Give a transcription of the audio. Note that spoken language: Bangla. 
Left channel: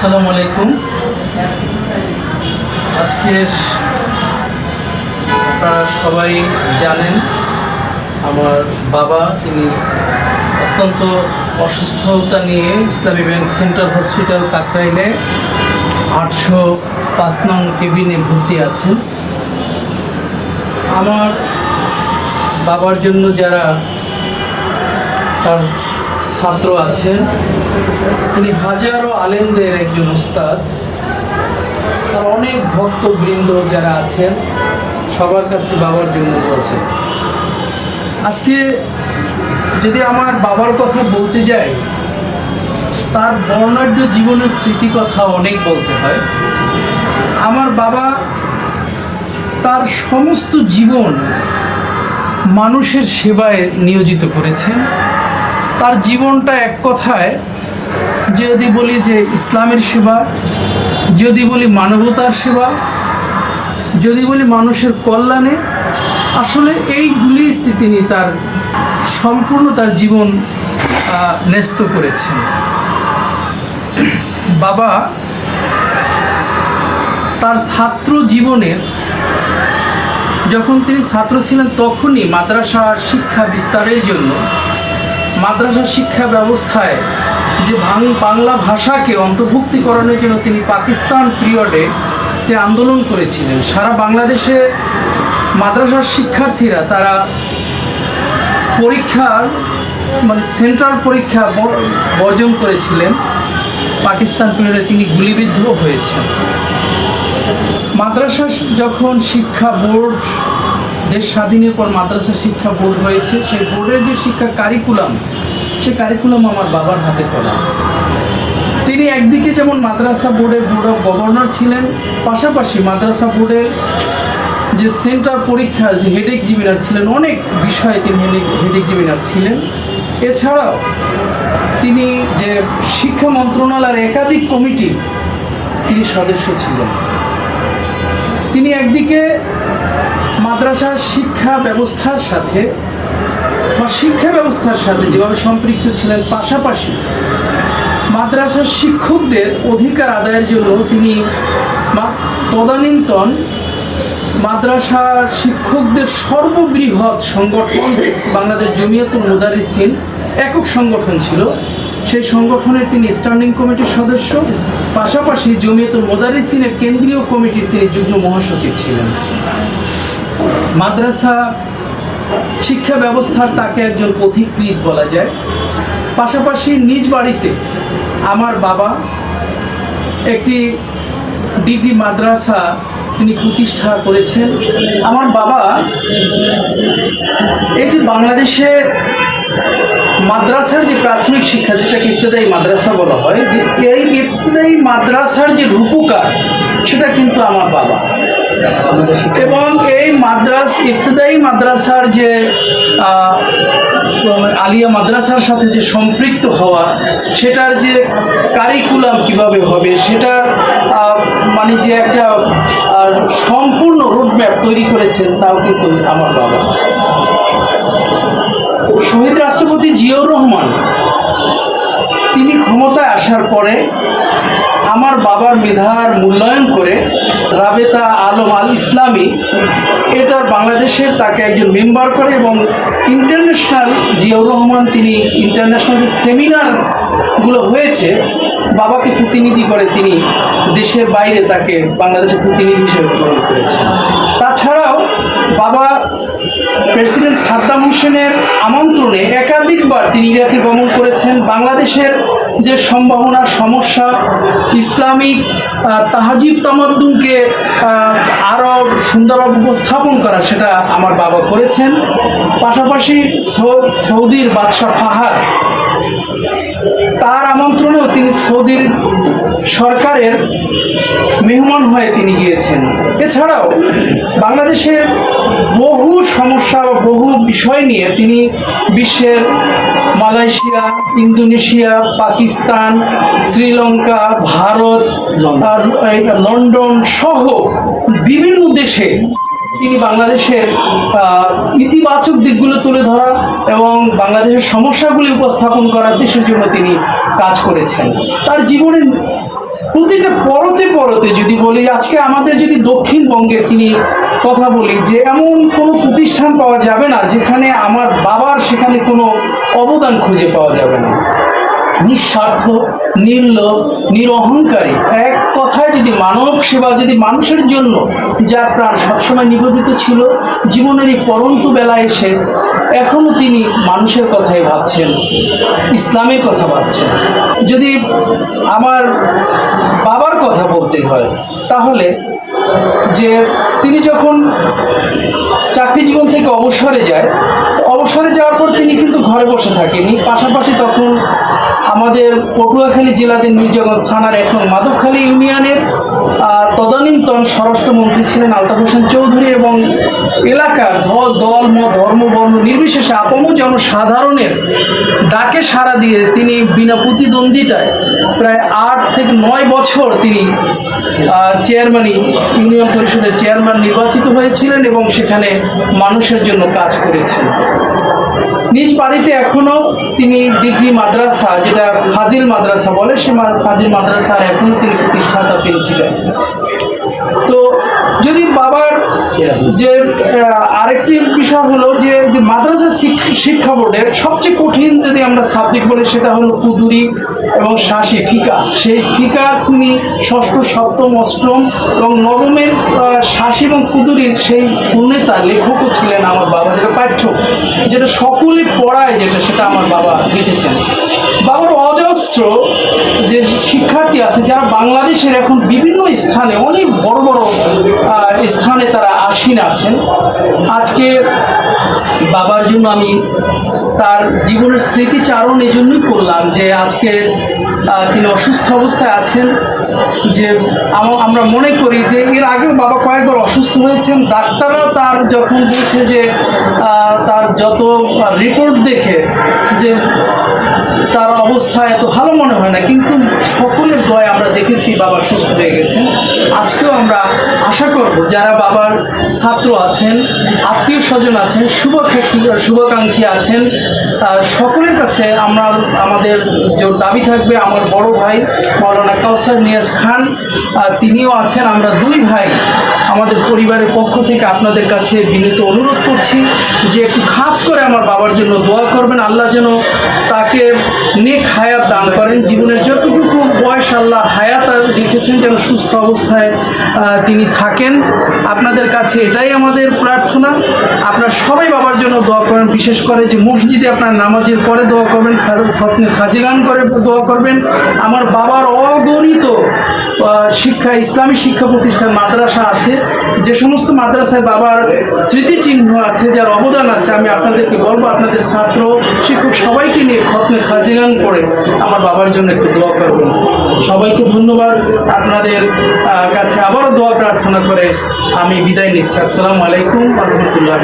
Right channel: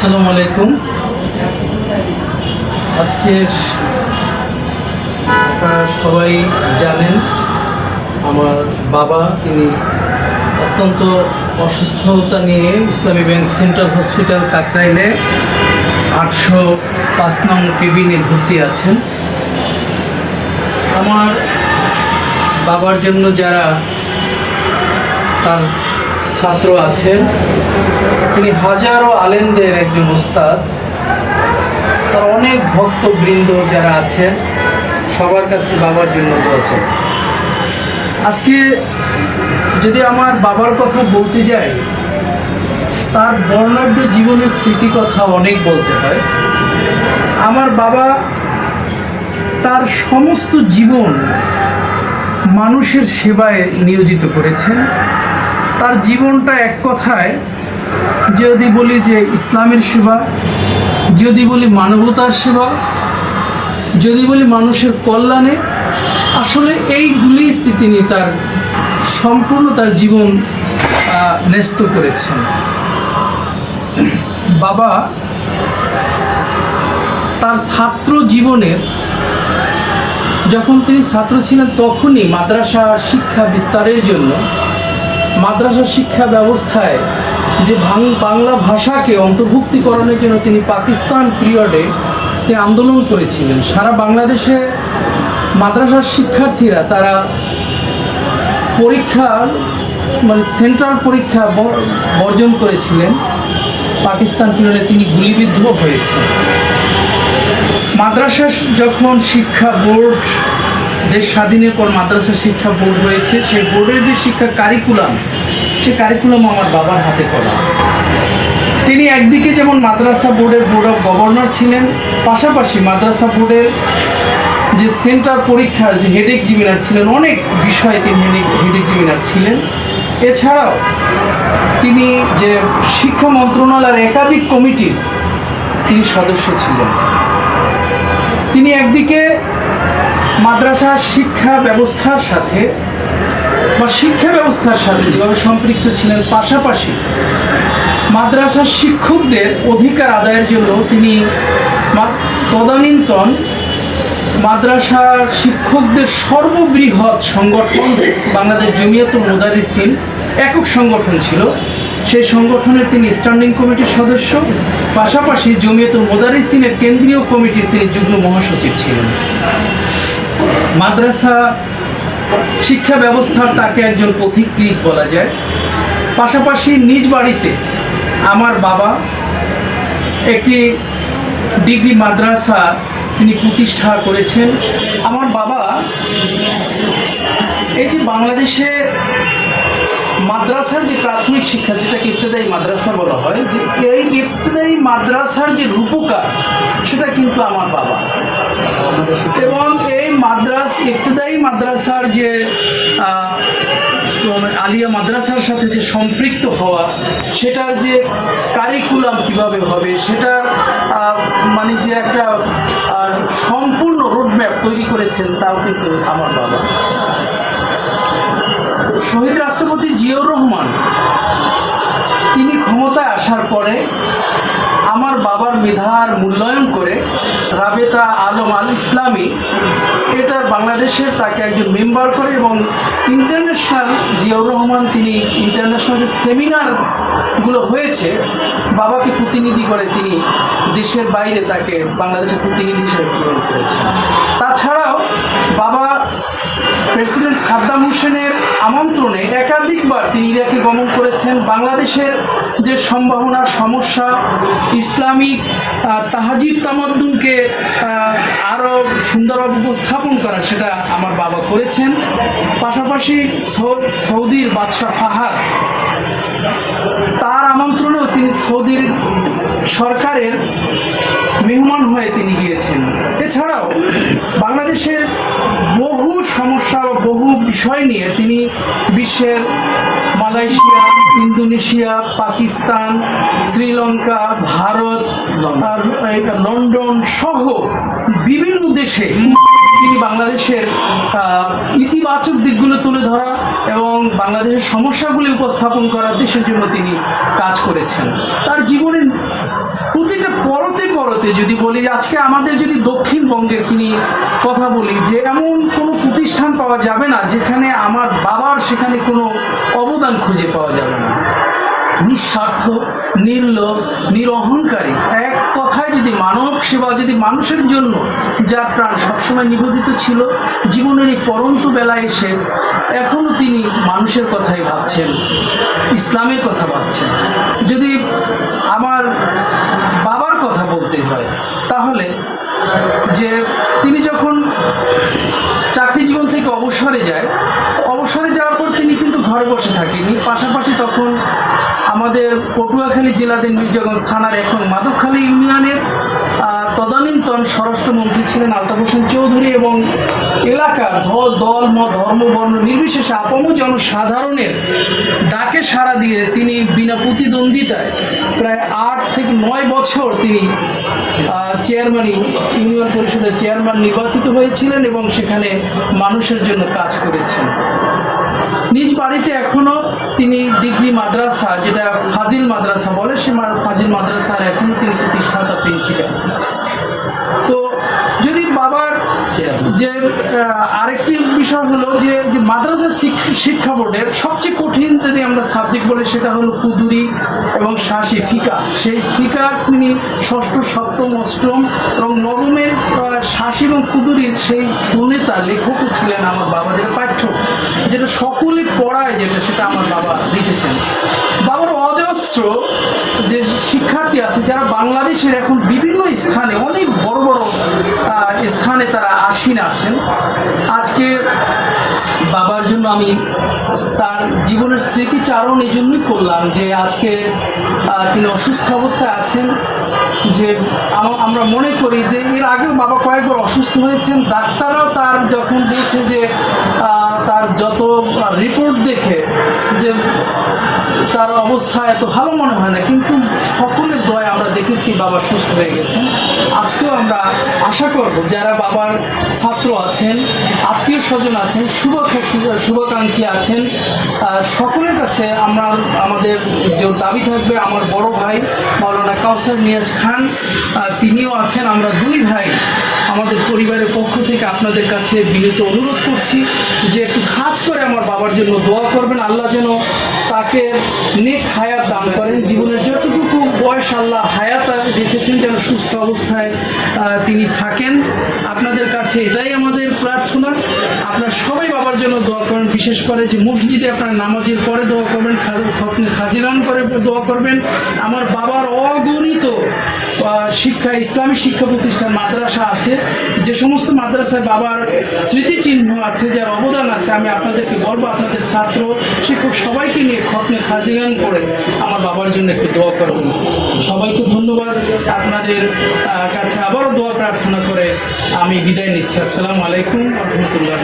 আসসালামু আলাইকুম। আজকের আপনারা সবাই জানেন, আমার বাবা তিনি অত্যন্ত অসুস্থতা নিয়ে ইসলামী ব্যাংক সেন্ট্রাল হসপিটাল কাকরাইলে আটশো পাঁচ নং কেবিনে ভর্তি আছেন। আমার বাবার জন্য যারা তার ছাত্র আছেন। তিনি হাজারো আলেমদের একজন উস্তাদ। তার অনেক ভক্তবৃন্দ যারা আছেন, সবার কাছে বাবার জন্য আছেন আজকে যদি আমার বাবার কথা বলতে যাই, তার বর্ণাঢ্য জীবনের স্মৃতি কথা অনেক বলতে হয়। আমার বাবা তার সমস্ত জীবন মানুষের সেবায় নিয়োজিত করেছেন। তার জীবনটা এক কথায় যদি বলি যে ইসলামের সেবা, যদি বলি মানবতার সেবা, যদি বলি মানুষের কল্যাণে, আসলে এইগুলি তিনি তার সম্পূর্ণ তার জীবন ন্যস্ত করেছেন। বাবা তার ছাত্র জীবনের, যখন তিনি ছাত্র ছিলেন তখনই মাদ্রাসা শিক্ষা বিস্তারের জন্য মাদ্রাসা শিক্ষা ব্যবস্থায় যে বাংলা ভাষাকে অন্তর্ভুক্তিকরণের জন্য তিনি পাকিস্তান পিরিয়ডে তিনি আন্দোলন করেছিলেন। সারা বাংলাদেশে মাদ্রাসার শিক্ষার্থীরা তারা পরীক্ষা মানে সেন্ট্রাল পরীক্ষা বর্জন করেছিলেন। পাকিস্তান পিরিয়ডে তিনি গুলিবিদ্ধ হয়েছেন। মাদ্রাসা যখন শিক্ষা বোর্ড দেশ স্বাধীনের পর মাদ্রাসা শিক্ষা বোর্ড রয়েছে। সেই বোর্ডের যে শিক্ষা কারিকুলাম সে কারিকুলাম আমার বাবার হাতে করা। তিনি একদিকে যেমন মাদ্রাসা বোর্ডের বোর্ড অফ গভর্নর ছিলেন, পাশাপাশি মাদ্রাসা বোর্ডের যে সেন্টার পরীক্ষার যে হেড এক্সামিনার ছিলেন, অনেক বিষয়ে তিনি হেড এক্সামিনার ছিলেন। এছাড়াও তিনি যে শিক্ষা মন্ত্রণালয়ের একাধিক কমিটির তিনি সদস্য ছিলেন। তিনি একদিকে মাদ্রাসা শিক্ষা ব্যবস্থার সাথে বা শিক্ষা ব্যবস্থার সাথে যেভাবে সম্পৃক্ত ছিলেন, পাশাপাশি মাদ্রাসার শিক্ষকদের অধিকার আদায়ের জন্য তিনি তদানীন্তন মাদ্রাসার শিক্ষকদের সর্ববৃহৎ সংগঠন বাংলাদেশ জমিয়তুল মুদারিসিন একক সংগঠন ছিল। সেই সংগঠনের তিনি স্ট্যান্ডিং কমিটির সদস্য, পাশাপাশি জমিয়তুল মুদারিসিনের কেন্দ্রীয় কমিটির তিনি যুগ্ম মহাসচিব ছিলেন। মাদ্রাসা শিক্ষা ব্যবস্থার তাকে একজন পথিকৃত বলা যায়। পাশাপাশি নিজ বাড়িতে আমার বাবা একটি ডিগ্রি মাদ্রাসা তিনি প্রতিষ্ঠা করেছেন। আমার বাবা যে বাংলাদেশের মাদ্রাসার যে প্রাথমিক শিক্ষা, যেটাকে ইবতদায়ী মাদ্রাসা বলা হয়, যে এই ইবতদায়ী মাদ্রাসার যে রূপকার, সেটা কিন্তু আমার বাবা। এবং এই মাদ্রাস, ইবতদায়ী মাদ্রাসার যে আলিয়া মাদ্রাসার সাথে যে সম্পৃক্ত হওয়া, সেটার যে কারিকুলাম কীভাবে হবে সেটার মানে যে একটা সম্পূর্ণ রোডম্যাপ তৈরি করেছেন, তাও কিন্তু আমার বাবা। শহীদ রাষ্ট্রপতি জিয়াউর রহমান, তিনি ক্ষমতায় আসার পরে আমার বাবার মেধার মূল্যায়ন করে রাবেতা আলম আল ইসলামী, এটা বাংলাদেশের তাকে একজন মেম্বার করে এবং ইন্টারন্যাশনাল জিয়াউর রহমান তিনি ইন্টারন্যাশনাল যে সেমিনারগুলো হয়েছে, বাবাকে প্রতিনিধি করে তিনি দেশের বাইরে তাকে বাংলাদেশের প্রতিনিধি হিসেবে গ্রহণ করেছেন। তাছাড়াও বাবা প্রেসিডেন্ট সাদ্দাম হোসেনের আমন্ত্রণে একাধিকবার তিনি ইরাকে গমন করেছেন। বাংলাদেশের যে সম্ভাবনা, সমস্যা, ইসলামিক তাহাজিব তামাদ্দুনকে আরও সুন্দরভাবে উপস্থাপন করা সেটা আমার বাবা করেছেন। পাশাপাশি সৌদির বাদশাহ ফাহাদ, তার আমন্ত্রণেও তিনি সৌদির সরকারের মেহমান হয়ে তিনি গিয়েছেন। এছাড়াও বাংলাদেশের বহু সমস্যা বহু বিষয় নিয়ে তিনি বিশ্বের Malaysia, Indonesia, Pakistan, Sri Lanka, Bharat London সহ বিভিন্ন দেশে তিনি বাংলাদেশের ইতিবাচক দিকগুলো তুলে ধরা এবং বাংলাদেশের সমস্যাগুলি উপস্থাপন করার দেশের জন্য তিনি কাজ করেছেন। তার জীবনের প্রতিটা পরতে পরতে যদি বলি, আজকে আমাদের যদি দক্ষিণবঙ্গের তিনি কথা বলি, যে এমন কোনো প্রতিষ্ঠান পাওয়া যাবে না, যেখানে আমার বাবার সেখানে কোনো অবদান খুঁজে পাওয়া যাবে না। নিঃস্বার্থ, নির্লোভ, নিরহংকারী। এক কথায় যদি মানব সেবা যদি মানুষের জন্য, যার প্রাণ সবসময় নিবেদিত ছিল জীবনের এই পরন্ত বেলায় এসে এখনও তিনি মানুষের কথাই ভাবছেন, ইসলামের কথা ভাবছেন। যদি আমার বাবার কথা বলতে হয়, তাহলে যে তিনি যখন চাকরি জীবন থেকে অবসরে যায়, অবসরে যাওয়ার পর তিনি কিন্তু ঘরে বসে থাকেনি পাশাপাশি তখন আমাদের পটুয়াখালী জেলাদের মির্জাগঞ্জ থানার এক নং মাধবখালী ইউনিয়নের তদানীন্তন স্বরাষ্ট্রমন্ত্রী ছিলেন আলতাফ হোসেন চৌধুরী এবং এলাকার দল মত ধর্ম, বর্ণ নির্বিশেষে আপম জনসাধারণের ডাকে সাড়া দিয়ে তিনি বিনা প্রতিদ্বন্দ্বিতায় প্রায় আট থেকে নয় বছর তিনি চেয়ারম্যানই ইউনিয়ন পরিষদের চেয়ারম্যান নির্বাচিত হয়েছিলেন এবং সেখানে মানুষের জন্য কাজ করেছেন। নিজ বাড়িতে এখনও তিনি ডিগ্রি মাদ্রাসা, যেটা ফাজিল মাদ্রাসা বলে, সে ফাজিল মাদ্রাসার এখনও তিনি প্রতিষ্ঠাতা পেয়েছিলেন। তো যদি বাবার যে আরেকটি বিষয় হলো শিক্ষা বোর্ডের সবচেয়ে কঠিন যদি আমরা সাবজেক্ট বলি, সেটা হলো কুদুরি এবং শাসি ফিকা। সেই ফিকা তিনি ষষ্ঠ, সপ্তম, অষ্টম এবং নবমের শাসি এবং কুদুরির সেই প্রণেতা লেখকও ছিলেন আমার বাবা, যেটা পাঠ্য, যেটা সকলে পড়ায়, যেটা সেটা আমার বাবা লিখেছেন। বাবার অজস্র যে শিক্ষার্থী আছে, যারা বাংলাদেশের এখন বিভিন্ন স্থানে, অনেক বড় বড় স্থানে তারা আসীন আছেন। আজকে বাবার জন্য আমি তার জীবনের স্মৃতিচারণ এই জন্যই করলাম যে আজকে তিনি অসুস্থ অবস্থায় আছেন, যে আম- আমরা মনে করি যে এর আগেও বাবা কয়েকবার অসুস্থ হয়েছেন। ডাক্তাররাও তার যখন বলছে যে তার যত রিপোর্ট দেখে যে তার অবস্থা এত ভালো মনে হয় না, কিন্তু সকলের দয় আমরা দেখেছি বাবা সুস্থ হয়ে গেছেন। আজকেও আমরা আশা করব যারা বাবার ছাত্র আছেন, আত্মীয় স্বজন আছেন, শুভাকাঙ্ক্ষী শুভাকাঙ্ক্ষী আছেন সকলের কাছে আমরা, আমাদের যে দাবি থাকবে, আমার বড় ভাই মৌলানা কাউসার নিয়াজ খান তিনিও আছেন। আমরা দুই ভাই আমাদের পরিবারের পক্ষ থেকে আপনাদের কাছে বিনীত অনুরোধ করছি যে একটু খাস করে আমার বাবার জন্য দোয়া করবেন। আল্লাহ যেন তাকে নেক হায়াত দান করেন। জীবনের যতটুকু বয়স আল্লাহ হায়াত রেখেছেন যেন সুস্থ অবস্থায় তিনি থাকেন। আপনাদের কাছে এটাই আমাদের প্রার্থনা। আপনার সবাই বাবার জন্য দোয়া করেন বিশেষ করে যে মসজিদে আপনার নামাজের পরে দোয়া করবেন, খা- খতমে খাজিগান করে দোয়া করবেন। আমার বাবার অগণিত শিক্ষা, ইসলামী শিক্ষা প্রতিষ্ঠান মাদ্রাসা আছে। যে সমস্ত মাদ্রাসায় বাবার স্মৃতিচিহ্ন আছে, যার অবদান আছে, আমি আপনাদেরকে বলব, আপনাদের ছাত্র, শিক্ষক সবাইকে নিয়ে খতমে খাজিগান করে আমার বাবার জন্য একটু দোয়া করবেন। সবাইকে ধন্যবাদ। আপনাদের কাছে আবারও দোয়া প্রার্থনা করে আমি বিদায় নিচ্ছি। আসসালামু আলাইকুম রহমতুল্লাহ